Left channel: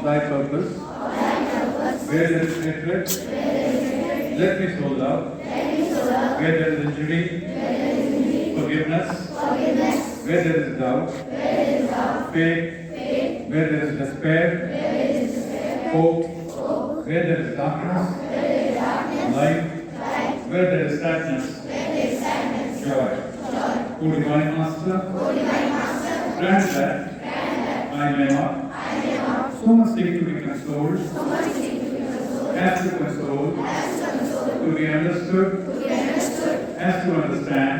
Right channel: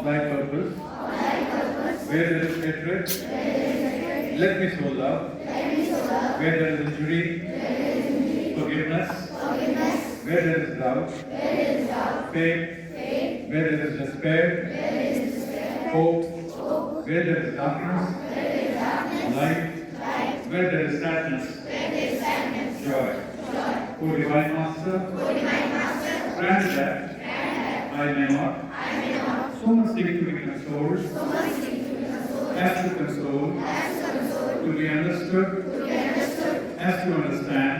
of thy purpose. Where there is hatred, let me show love. Where there is injury, forgiveness. Where there is doubt, faith. Where there is despair, hope. Where there is darkness, light. Where there is sadness, joy. O Divine Master, grant that I may not so much seek to be consoled as to console, to be understood as to understand,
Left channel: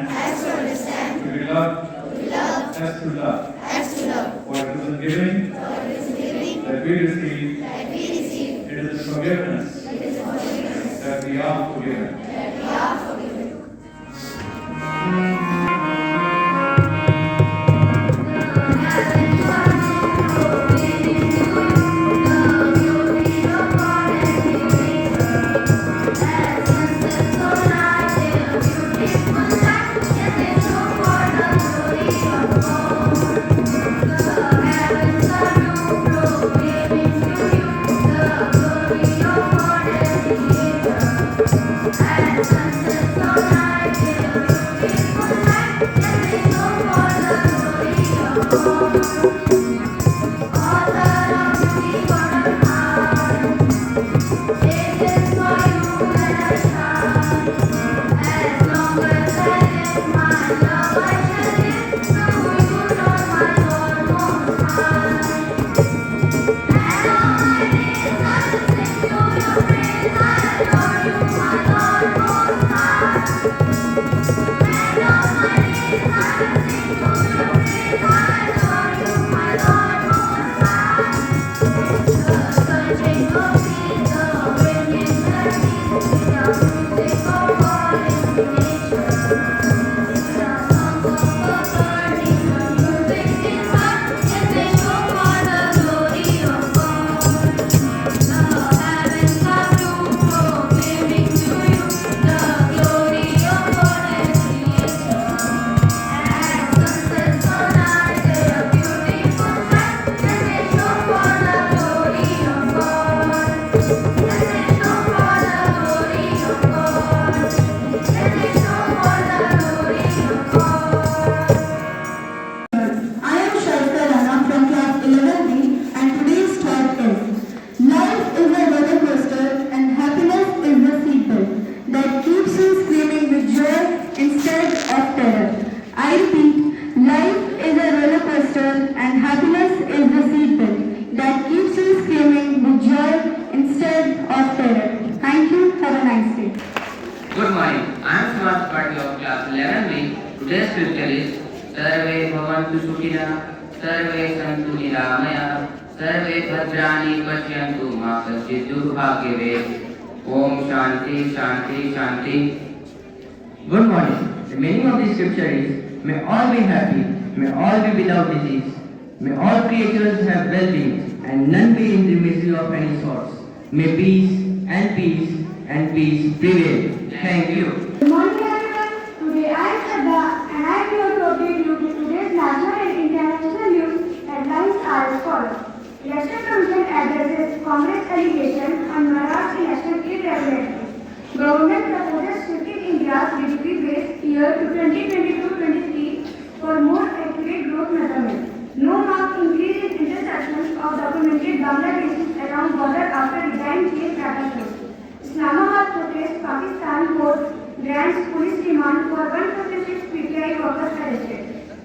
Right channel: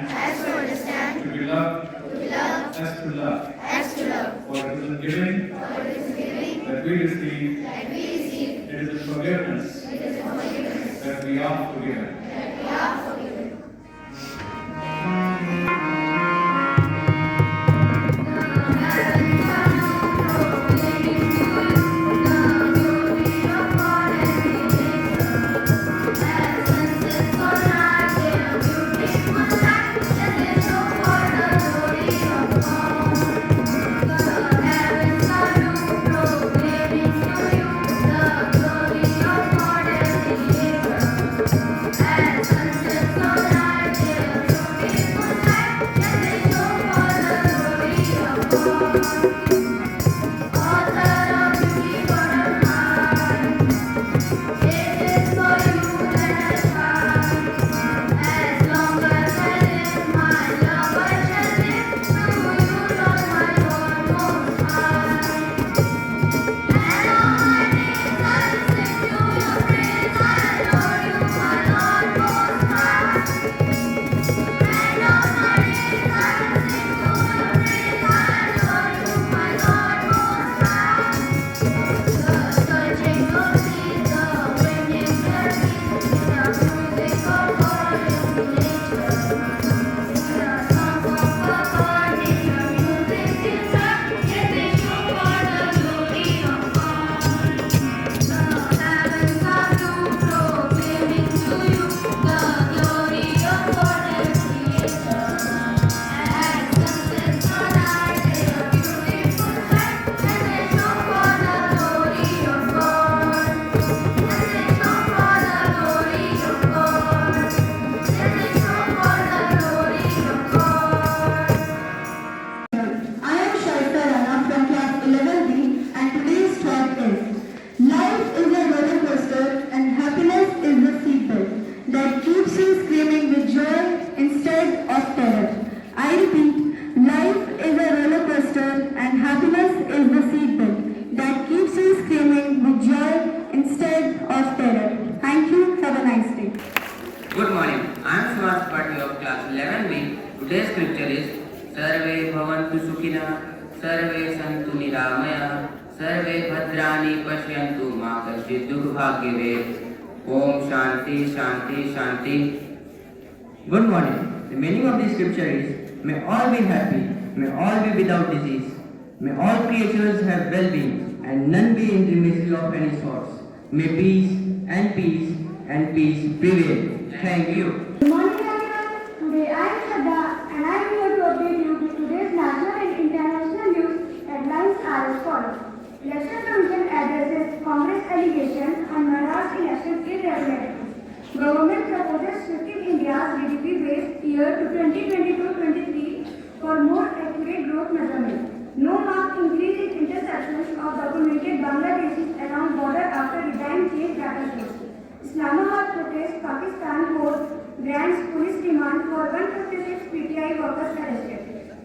to be loved as to love. For it is in giving that we receive, it is in forgiveness that we are forgiven. Good morning. I am Sraj Patil of class 11B. Today's scripture is Sarve Bhavantu Sukhina, Sarve Santu Niramaya, Sarve Bhadrani Pashyantu Ma Kaschid Durbhagyavet. Om Shanti Shanti Shanti. Good morning. The meaning of this scripture is, may all be happy, may all be without disease, may all creatures have well-being, and none be in the misery of any sorts. May peace and peace and peace prevail. Thank you. Good morning everyone. Today I am Shraddha and I am here to update you with today's national and international news headlines are as follows. Election Commission addresses Congress allegation on Maharashtra election irregularity. Government proposes shifting India's GDP base year to 2022-23 for more accurate growth measurement. No marked increase in interceptions of documented Bangladeshis along border after divine case data shows. Islamabad protest Pakistan court grants police remand for 156 PTI workers arrested.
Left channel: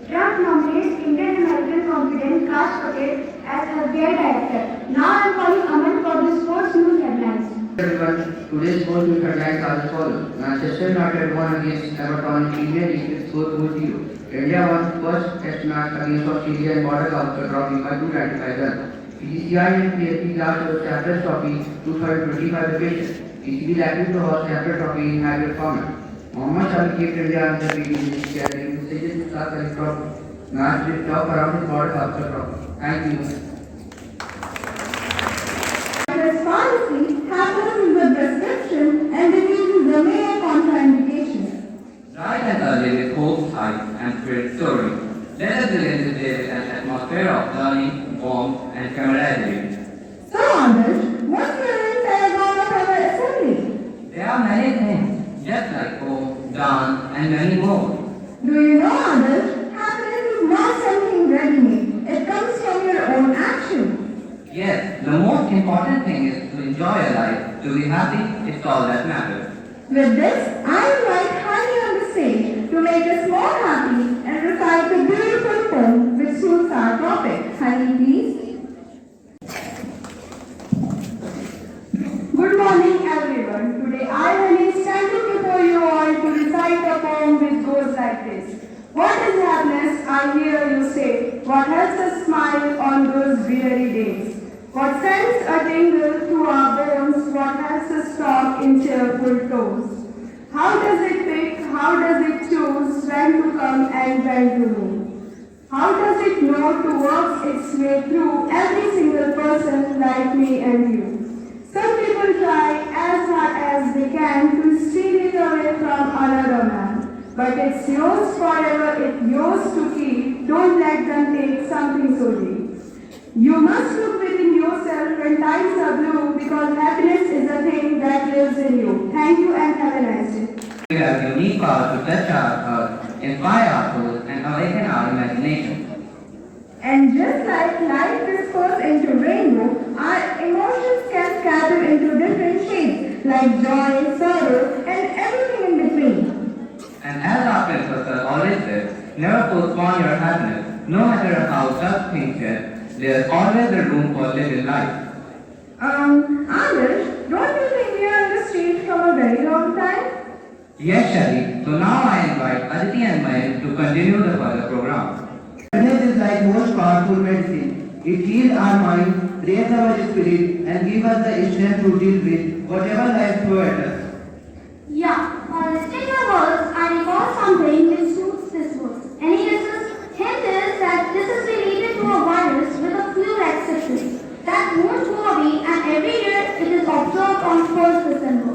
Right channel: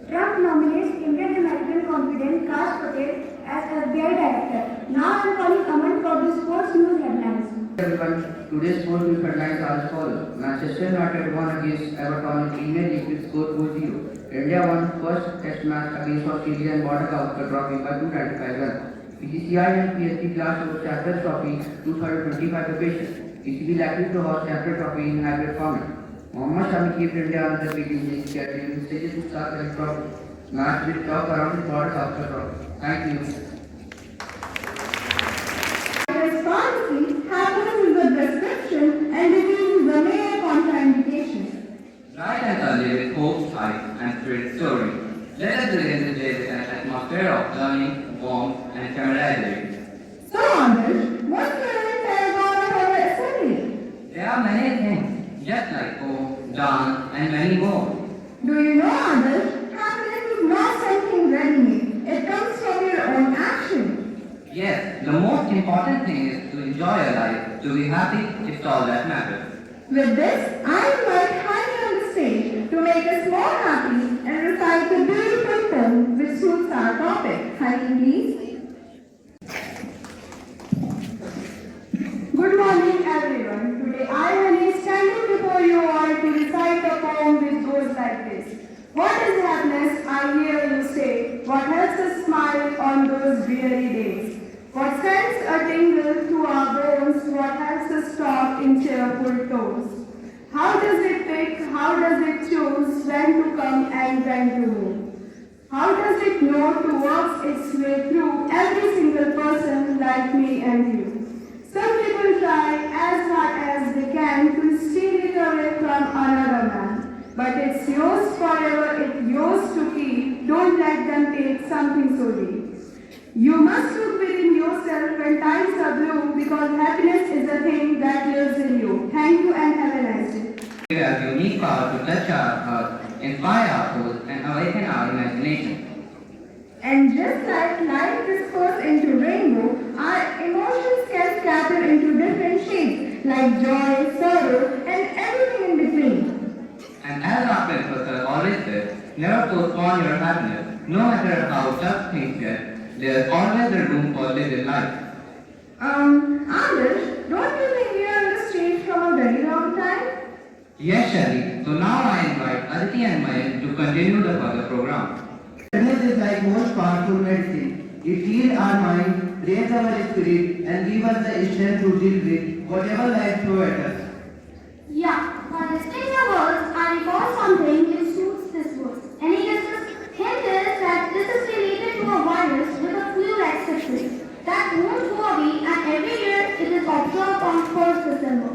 Trump nominates Indian American confident Kash Patel as FBI director. Now I am calling Aman for the sports news headlines. Everyone, today's sports news headlines are as follows. Manchester United won against Everton in Premier League with score 2-0. India won first test match against Australia and Border Gavaskar Trophy by 295 runs. PGCI and PSP class host Champions Trophy 2025 occasion. PCB likely to host Champions Trophy in hybrid format. Mohammad Shami kept India on the beating list carrying the stages to start the trophy. Match with top around the Border Gavaskar Trophy. Thank you. Responsibility happens in the prescription and reveals the main contraindication. Bright and early with hopes high and spirit soaring. Let us begin the day with an atmosphere of learning, warmth, and camaraderie. Yes, the most important thing is to enjoy your life, to be happy, it's all that matters. With this, I invite Honey on the stage to make us more happy and recite the beautiful poem which suits our topic. Honey, please. Good morning, everyone. Today I am standing before you all to recite a poem which goes like this. What is happiness? I hear you say. What helps us smile on those weary days? What sends a tingle through our bones? What helps us talk in cheerful tones? How does it pick? How does it choose when to come and when to move? How does it know to work its way through every single person like me and you? Some people try as hard as they can to steal it away from another man. But it's yours forever, it's yours to keep. Don't let them take something so deep. You must look within yourself when times are blue, because happiness is a thing that lives in you. Thank you and have a nice day. We have a unique power to touch our heart, inspire our souls, and awaken our imagination. And just like light disperses into rainbow, our emotions can scatter into different shades, like joy, sorrow, and everything in between. And as our professor always says, never postpone your happiness, no matter how tough things get, there's always a room for living life. Adarsh, don't you think we are on the street from a very long time? Yes, Shari. So now I invite Aditi and Mayan to continue the further program. Happiness is like most powerful medicine. It heals our mind, raises our spirit, and gives us the strength to deal with whatever life throws at us. Yeah, while listening to words, I recall something which suits this verse. And hint is that this is related to a virus with a flu-like sickness that won't go away, and every year it is observed on 1st December.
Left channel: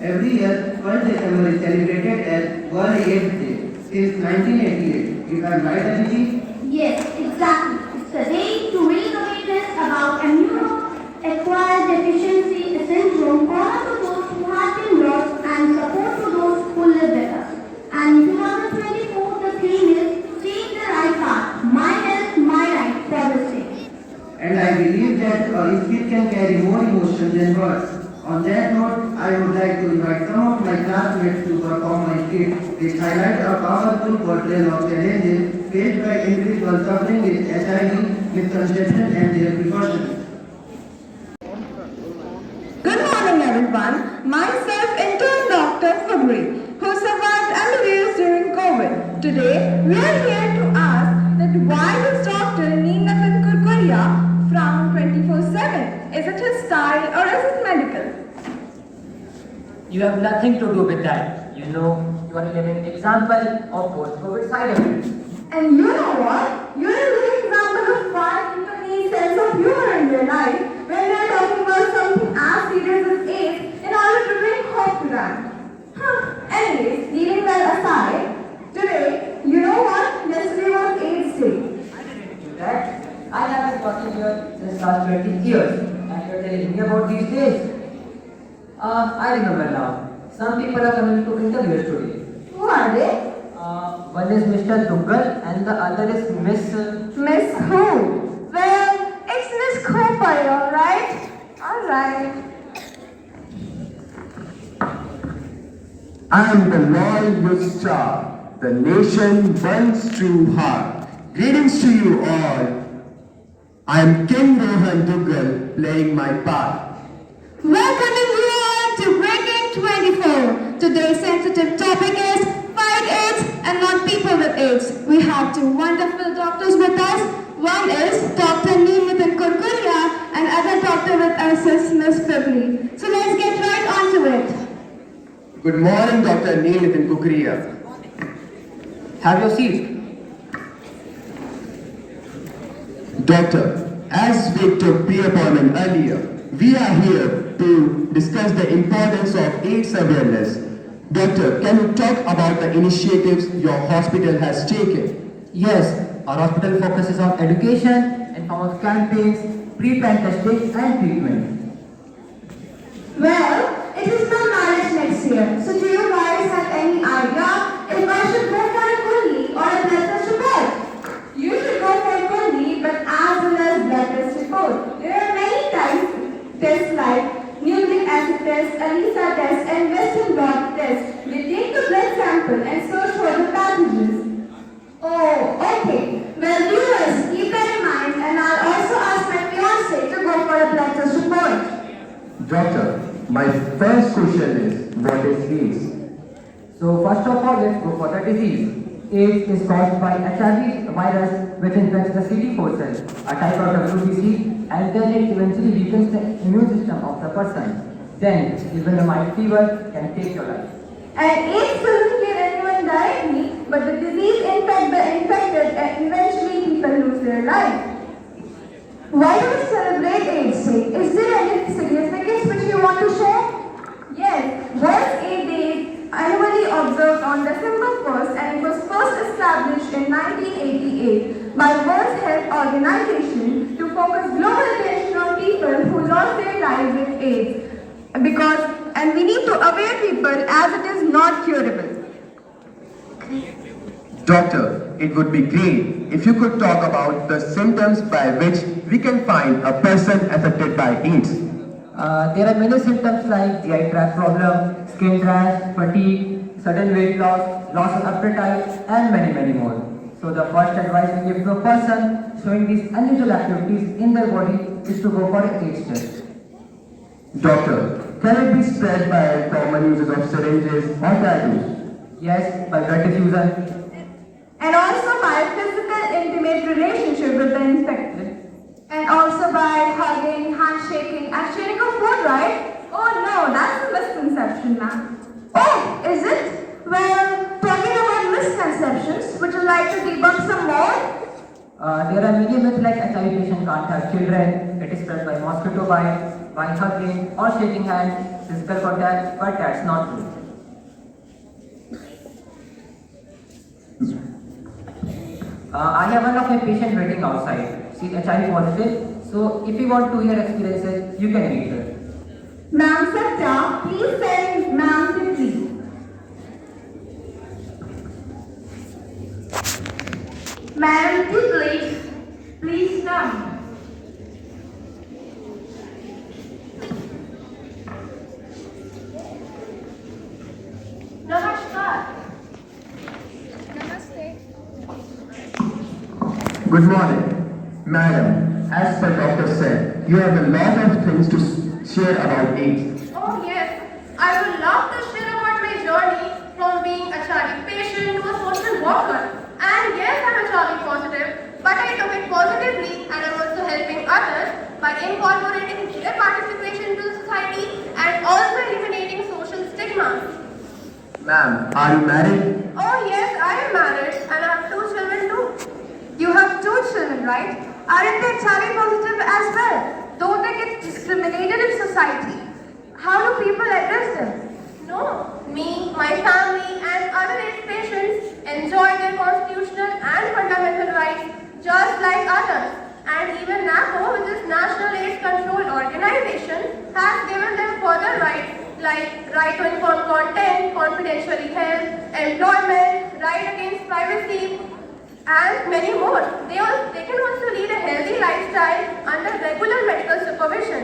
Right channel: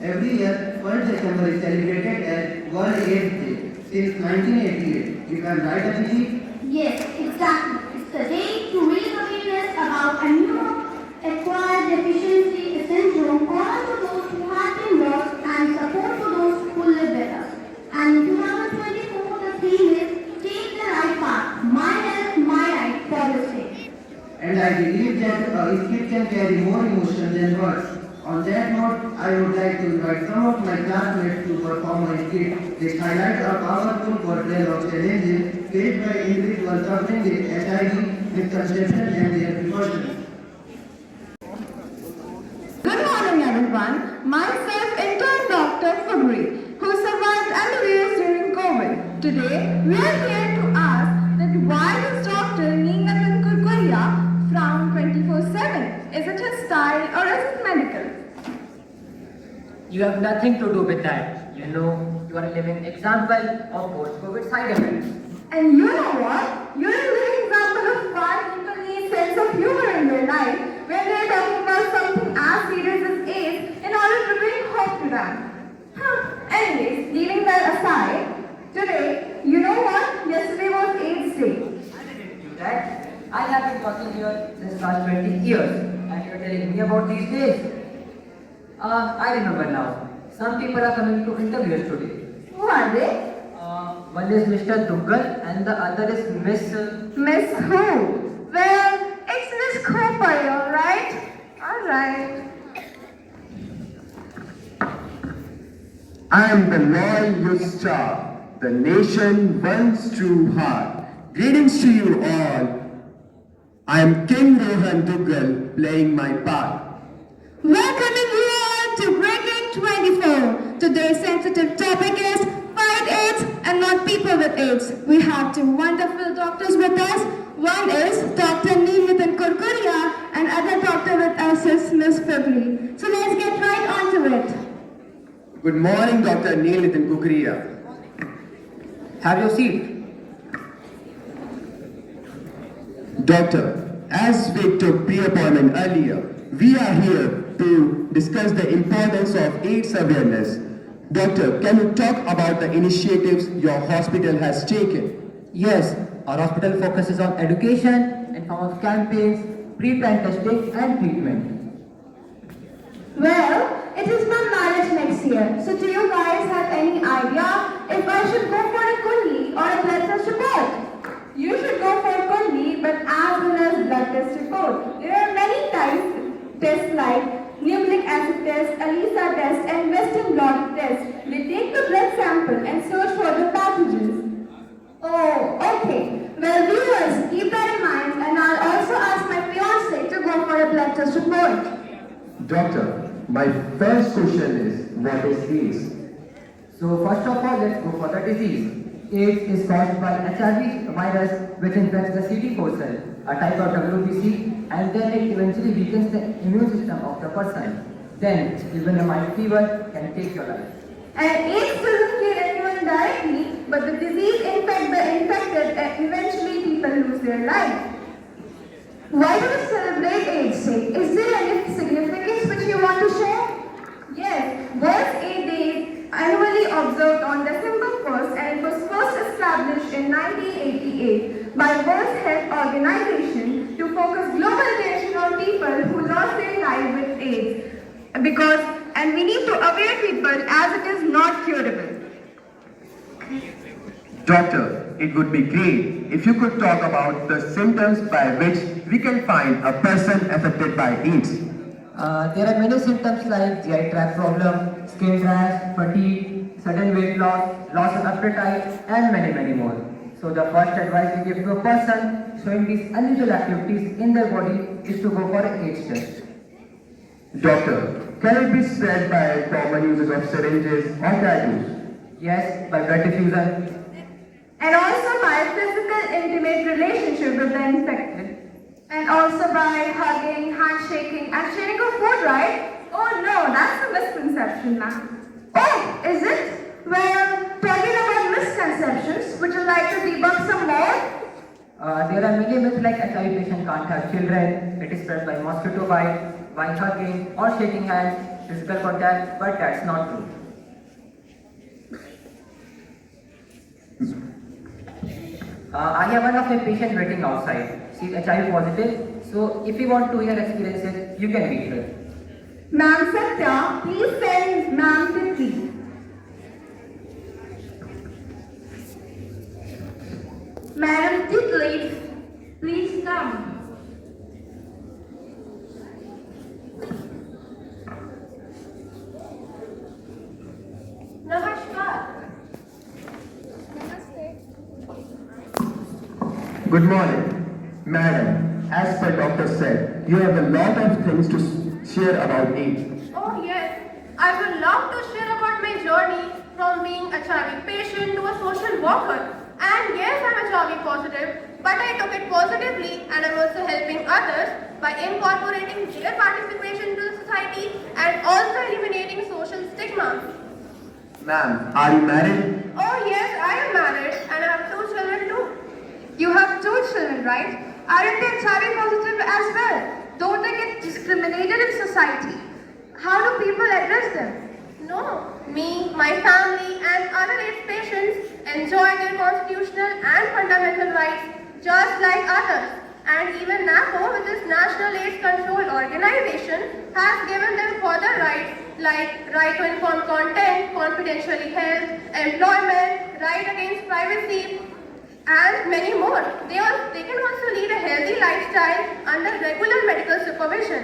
Every year, 1st December is celebrated as World AIDS Day since 1988. Is that right, Aditi? Yes, exactly. It's the day to raise awareness about immuno-acquired deficiency syndrome common to those who have been lost and support to those who live with us. And in 2024, the theme is Take the Right Path. My health, my right for this day. And I believe that a skit can carry more emotion than words. On that note, I would like to invite some of my classmates to perform a skit which highlights a powerful portrayal of challenges faced by individuals suffering with HIV, misconception, and their precautions. Good morning, everyone. Myself, intern Dr. Fabri, who survived MBBS during COVID. Today, we are here to ask that why does Dr. Neelathan Kurkuria frown 24/7? Is it his style or is it medical? You have nothing to do with that. You know, you are a living example of post-COVID side effects. And you know what? You're a great example of why people need sense of humor in their life when they're talking about something as serious as AIDS in order to bring hope to them. Anyways, leaving that aside, today, you know what? Yesterday was AIDS Day. I didn't do that. I have been talking here since last 20 years. And you are telling me about these days. I remember now. Some people are coming to interview us today. Who are they? One is Mr. Duggal and the other is Miss... Miss who? Well, it's Miss Cooper, alright? Alright. I am the loyal star. The nation burns true heart. Greetings to you all. I am King Rohan Duggal playing my part. Welcoming you all to Breaking 24. Today's sensitive topic is Fight AIDS and not people with AIDS. We have two wonderful doctors with us. One is Dr. Neelathan Kurkuria and other doctor with us is Miss Fibli. So let's get right on to it. Good morning, Dr. Neelathan Kurkuria. Have your seat. Doctor, as we took pre-appointment earlier, we are here to discuss the importance of AIDS awareness. Doctor, can you talk about the initiatives your hospital has taken? Yes, our hospital focuses on education in form of campaigns, pre-plan testing and treatment. Well, it is my marriage next year. So do you guys have any idea if I should go for a Kundi or a blood test report? You should go for Kundi but as well as blood test report. Doctor, my first question is, what is AIDS? So first of all, let's go for the disease. AIDS is caused by HIV virus which infects the CD4 cell, a type of WBC, and then it eventually weakens the immune system of the person. Then, even a mild fever can take your life. And AIDS doesn't kill anyone directly, but the disease infects the infected and eventually people lose their life. Why do we celebrate AIDS Day? Is there any significance which you want to share? Yes, World AIDS Day is annually observed on December 1st and it was first established in 1988 by World Health Organization to focus global attention on people who lost their lives with AIDS. And we need to aware people as it is not curable. Doctor, it would be great if you could talk about the symptoms by which we can find a person affected by AIDS. There are many symptoms like GI tract problem, skin rash, fatigue, sudden weight loss, loss of appetite, and many more. So the first advice we give to a person showing these unusual activities in their body is to go for an AIDS test. Doctor, can it be spread by common uses of syringes or tattoos? Yes, by blood diffusion. And also by physical intimate relationship with the infected. And also by hugging, handshaking, and sharing of food, right? Oh no, that's a misconception now. Oh, is it? Well, talking about misconceptions, would you like to debunk some more? There are many myths like HIV patient can't have children, it is spread by mosquito bite, by hugging or shaking hands, physical contact, but that's not true. I have one of my patients waiting outside. She's HIV positive, so if you want to hear experiences, you can meet her. Ma'am Satya, please send Ma'am Kitty. Madam Titley, please come. Namaskar. Namaste. Good morning, madam. As the doctor said, you have a lot of things to share about AIDS. Oh yes, I would love to share about my journey from being a HIV patient to a social worker. And yes, I'm HIV positive, but I took it positively and I'm also helping others by incorporating their participation to society and also eliminating social stigma. Ma'am, are you married? Oh yes, I am married and I have 2 children too. You have 2 children, right? Aren't they HIV positive as well? Don't they get discriminated in society? How do people address them? No, me, my family and other AIDS patients enjoy their constitutional and fundamental rights just like others. And even NACO, which is National AIDS Control Organization, has given them further rights like right to informed consent, confidentially held, employment, right against privacy, and many more. They can also lead a healthy lifestyle under regular medical supervision.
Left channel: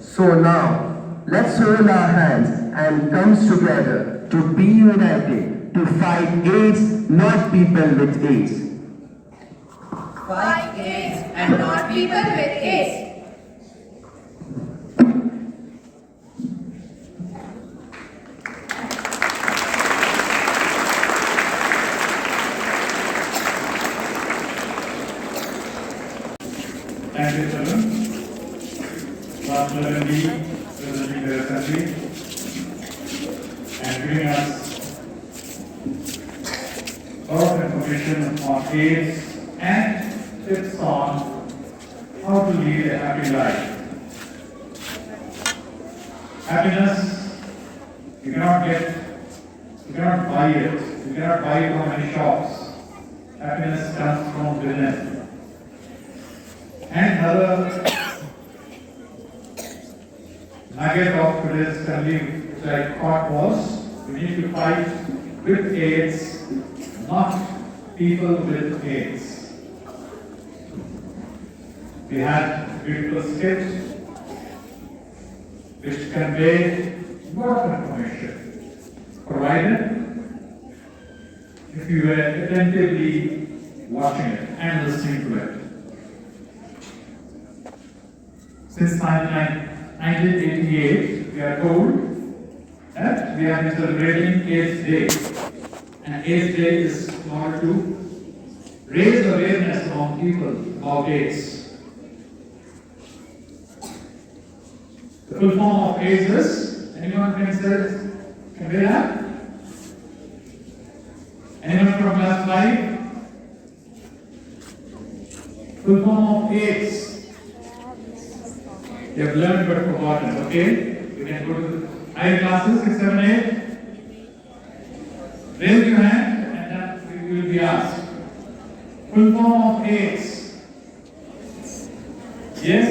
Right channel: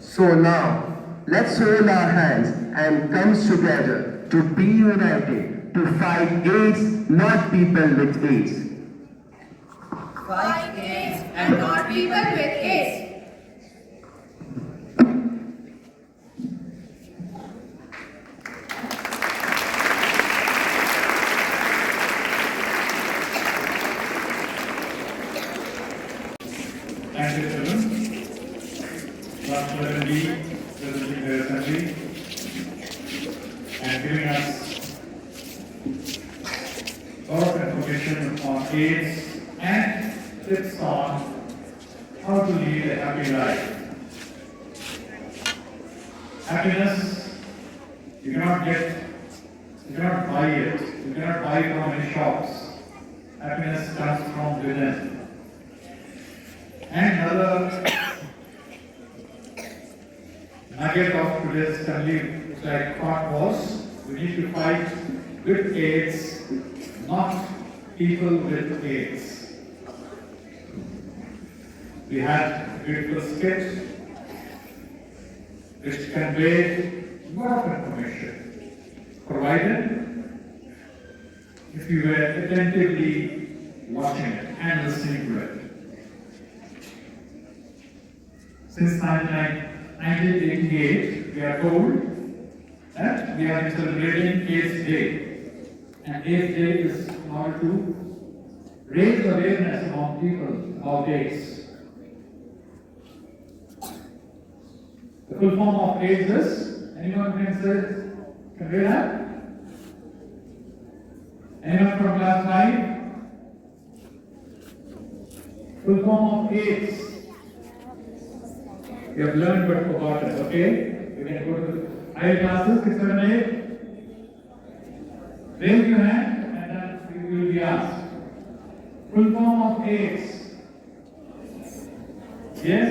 So now, let's hold our hands and come together to be united to fight AIDS, not people with AIDS. Fight AIDS and not people with AIDS. Thank you, children. Last 11 presenting their assembly and giving us a lot of information on AIDS and tips on how to lead a happy life. Happiness, you cannot buy it. You cannot buy it from any shops. Happiness comes from within. And another nugget of today's assembly, which I thought was, we need to fight with AIDS, not people with AIDS. We had a beautiful skit which conveyed a lot of information, provided if you were attentively watching it and listening to it. Since 1999, 1988, we are told that we are celebrating AIDS Day. And AIDS Day is in order to raise awareness among people about AIDS. The full form of AIDS is, anyone can read that? Anyone from class 5? Full form of AIDS. You have learned but forgotten, okay? You can go to higher classes, 6, 7, 8. Raise your hand and then you will be asked. Full form of AIDS. Yes?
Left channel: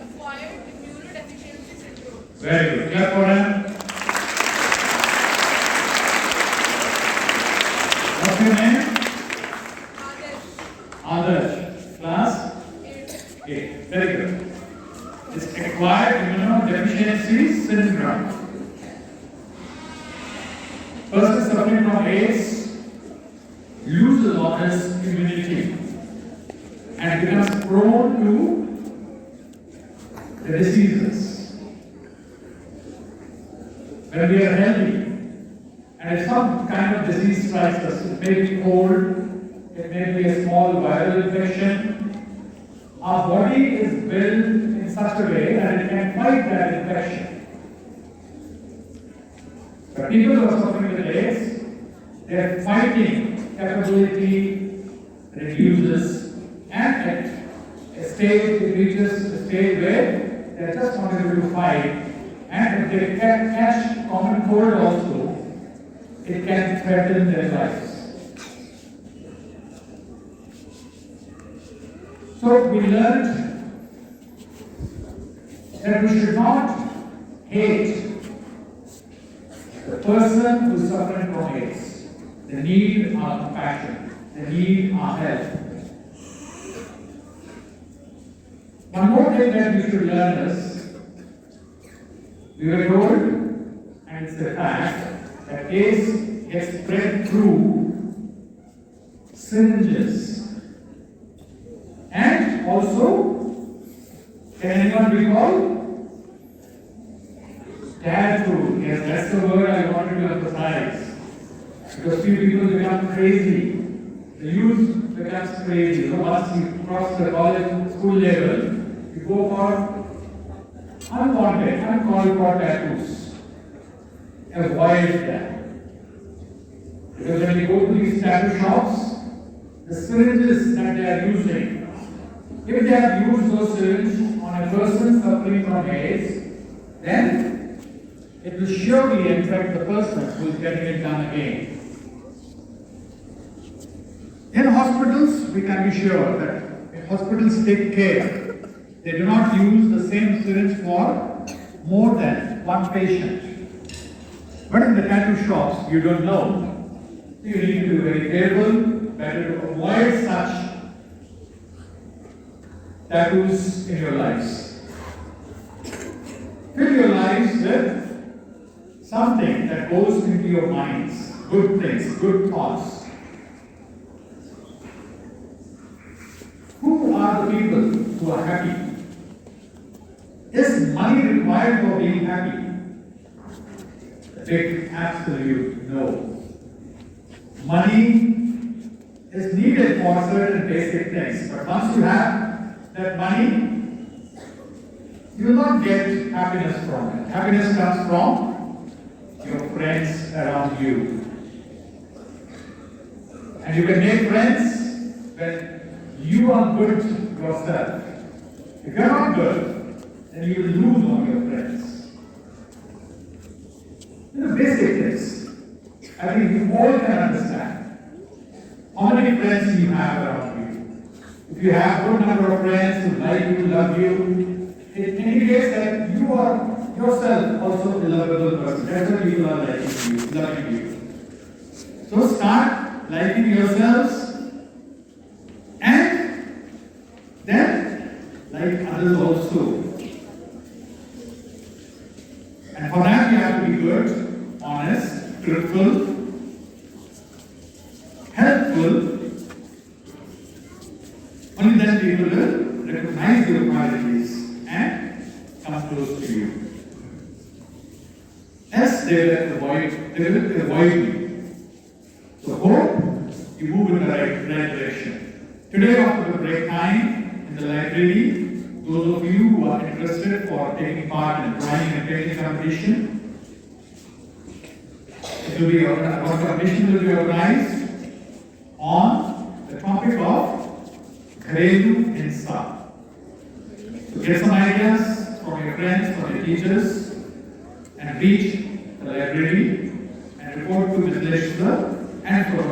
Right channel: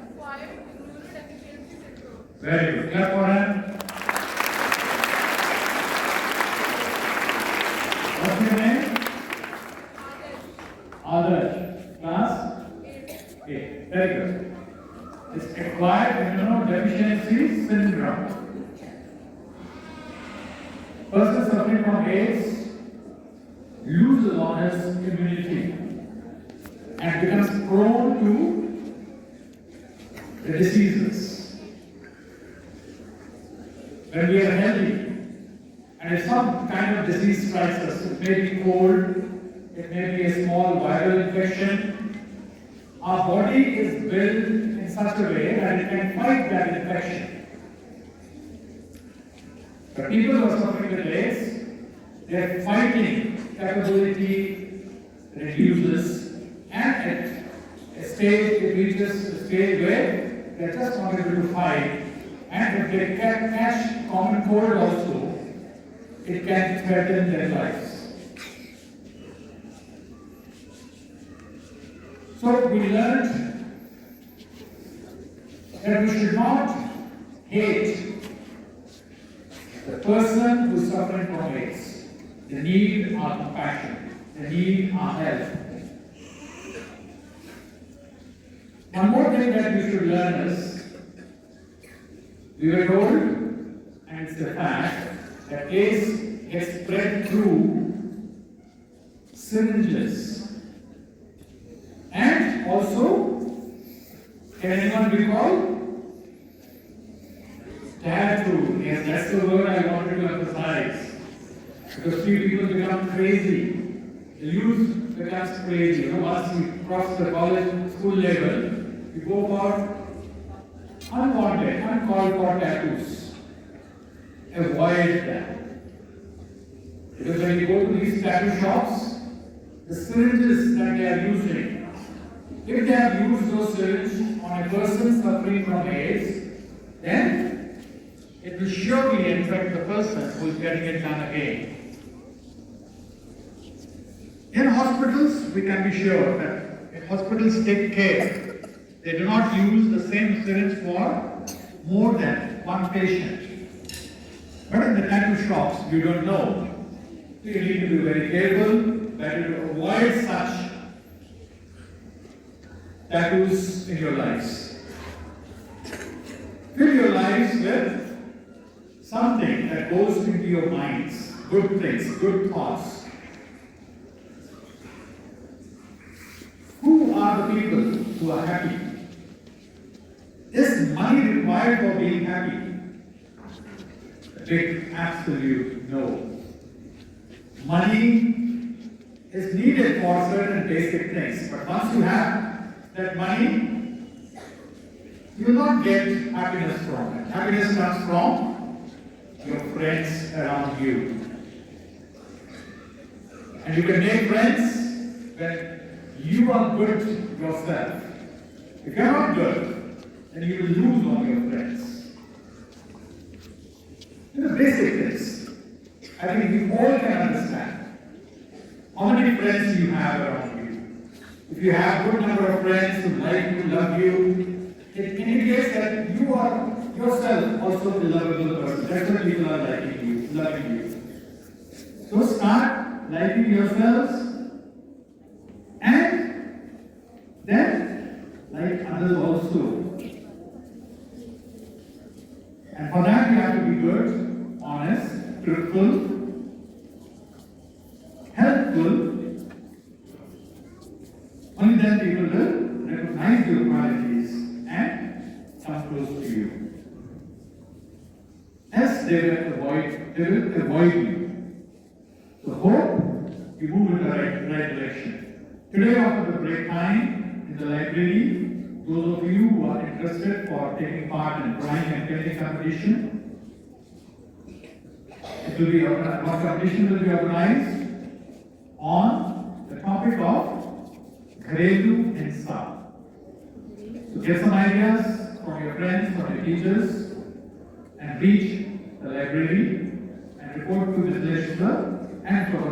Acquired immunodeficiency syndrome. Very good. Clap for him. What's your name? Adarsh. Class? 8. Very good. It's acquired immunodeficiency syndrome. Person suffering from AIDS loses all his immunity and becomes prone to the diseases. When we are healthy, and if some kind of disease strikes us, it may be cold, it may be a small viral infection, our body is built in such a way that it can fight that infection. But people who are suffering with AIDS, their fighting capability reduces, and at a stage it reaches a stage where they are just not able to fight, and if they can catch common cold also, it can threaten their lives. So we learned that we should not hate the person who is suffering from AIDS. They need our compassion. They need our help. One more thing that we should learn is, we were told, and it's a fact, that AIDS gets spread through syringes. And also, can anyone recall? Tattoo. Yes, that's the word I wanted to emphasize. Because few people become crazy. The youth becomes crazy. You know, once you cross the college, school level, you go for unwanted, uncalled for tattoos. Avoid that. Because when you go to these tattoo shops, the syringes that they are using, if they have used those syringes on a person suffering from AIDS, then it will surely infect the person who is getting it done again. In hospitals, we can be sure that hospitals take care. They do not use the same syringe for more than one patient. But in the tattoo shops, you don't know. You need to be very careful, better to avoid such tattoos in your lives. Fill your lives with something that goes into your minds, good things, good thoughts. Who are the people who are happy? Is money required for being happy? A big absolute no. Money is needed for certain basic things, but once you have that money, you will not get happiness from it. Happiness comes from your friends around you. And you can make friends when you are good yourself. If you are not good, then you will lose on your friends. The basic is, I think you all can understand how many friends you have around you. If you have a good number of friends who like you, love you, it indicates that you are yourself also a lovable person. That's why people are liking you, loving you. So start liking yourselves and then like others also. And for that we have to be good, honest, truthful, helpful. Only then people will recognize your qualities and come close to you. they will avoid you. So hope you move in the right direction. Today after the break time in the library, those of you who are interested for taking part in drawing and painting competition, one competition will be organized on the topic of Gharelu Hinsa. So get some ideas from your friends, from your teachers, and reach the library and report to Ms. Leshla and for